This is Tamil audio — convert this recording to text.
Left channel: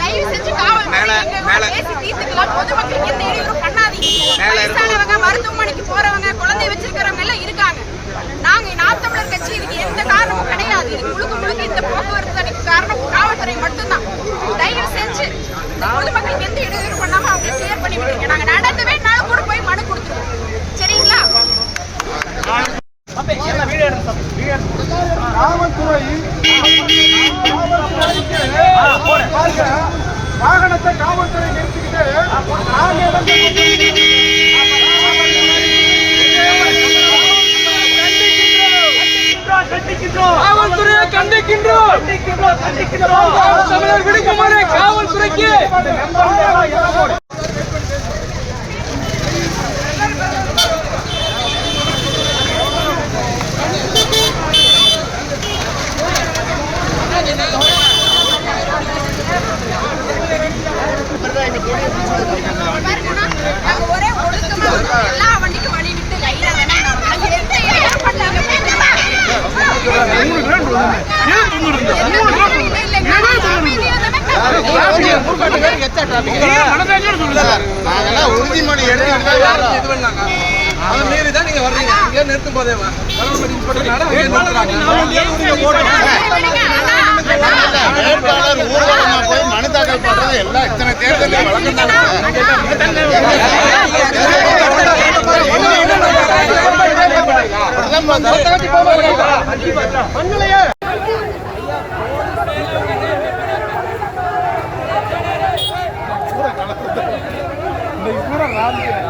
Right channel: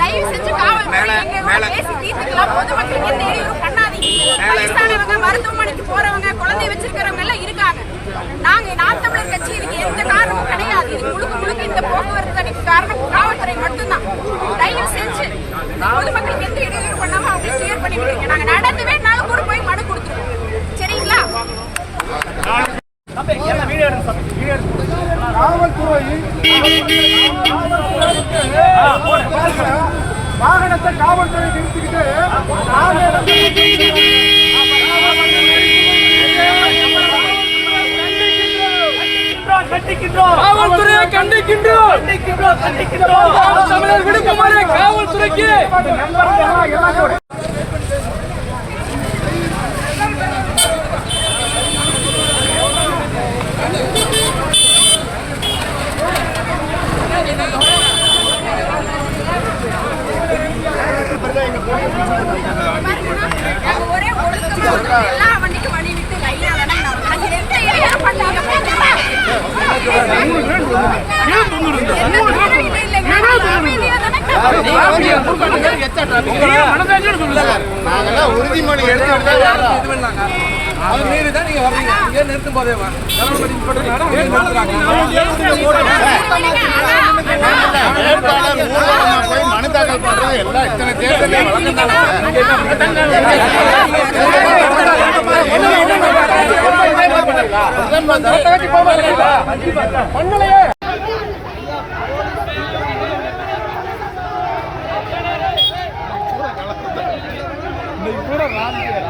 தயவு செஞ்சு காவல்துறை பேசி தீர்த்துக்கலாம். பொதுமக்களுக்கு எந்த இடையூறு பண்ணாதீங்க. வயசானவங்க மருத்துவமனைக்கு போறவங்க குழந்தை வச்சிருக்கிறவங்க எல்லாம் இருக்காங்க. நாங்க நாம் தமிழர் கட்சி இதுக்கு எந்த காரணமும் கிடையாது. இது முழுக்க முழுக்க இந்த போக்குவரத்து தடைக்கு காரணம் காவல்துறை மட்டும்தான் தயவு செஞ்சு இந்த பொதுமக்களுக்கு எந்த இடையூறு பண்ணாம அவங்க கிளியர் பண்ணி விட்டுருங்க நாங்க நடந்து வேணாலும் கூட போய் மனு கொடுத்துருவோம் சரிங்களா காவல்துறை வாகனத்தை காவல்துறை நிறுத்திக்கிட்டு காவல்துறையை கண்டிக்கின்றோம். கண்டிக்கின்றோம். கண்டிக்கின்றோம் காவல்துறைக்கு பாருங்கண்ணா, நாங்க ஒரே ஒழுக்கமா எல்லா வண்டிக்கும் வழி விட்டு லைனா நாங்கெல்லாம் உறுதிமொழி இது பண்ணாங்க அதை மீறி தான் நீங்க வர்றீங்க இங்கே நிறுத்தும் போதே கவர்மெண்ட் இன்ஸ்பெக்டர் அங்கே நிறுத்துறாங்க போய் மனு எல்லாம் இத்தனை தேர்தல் வணக்கம்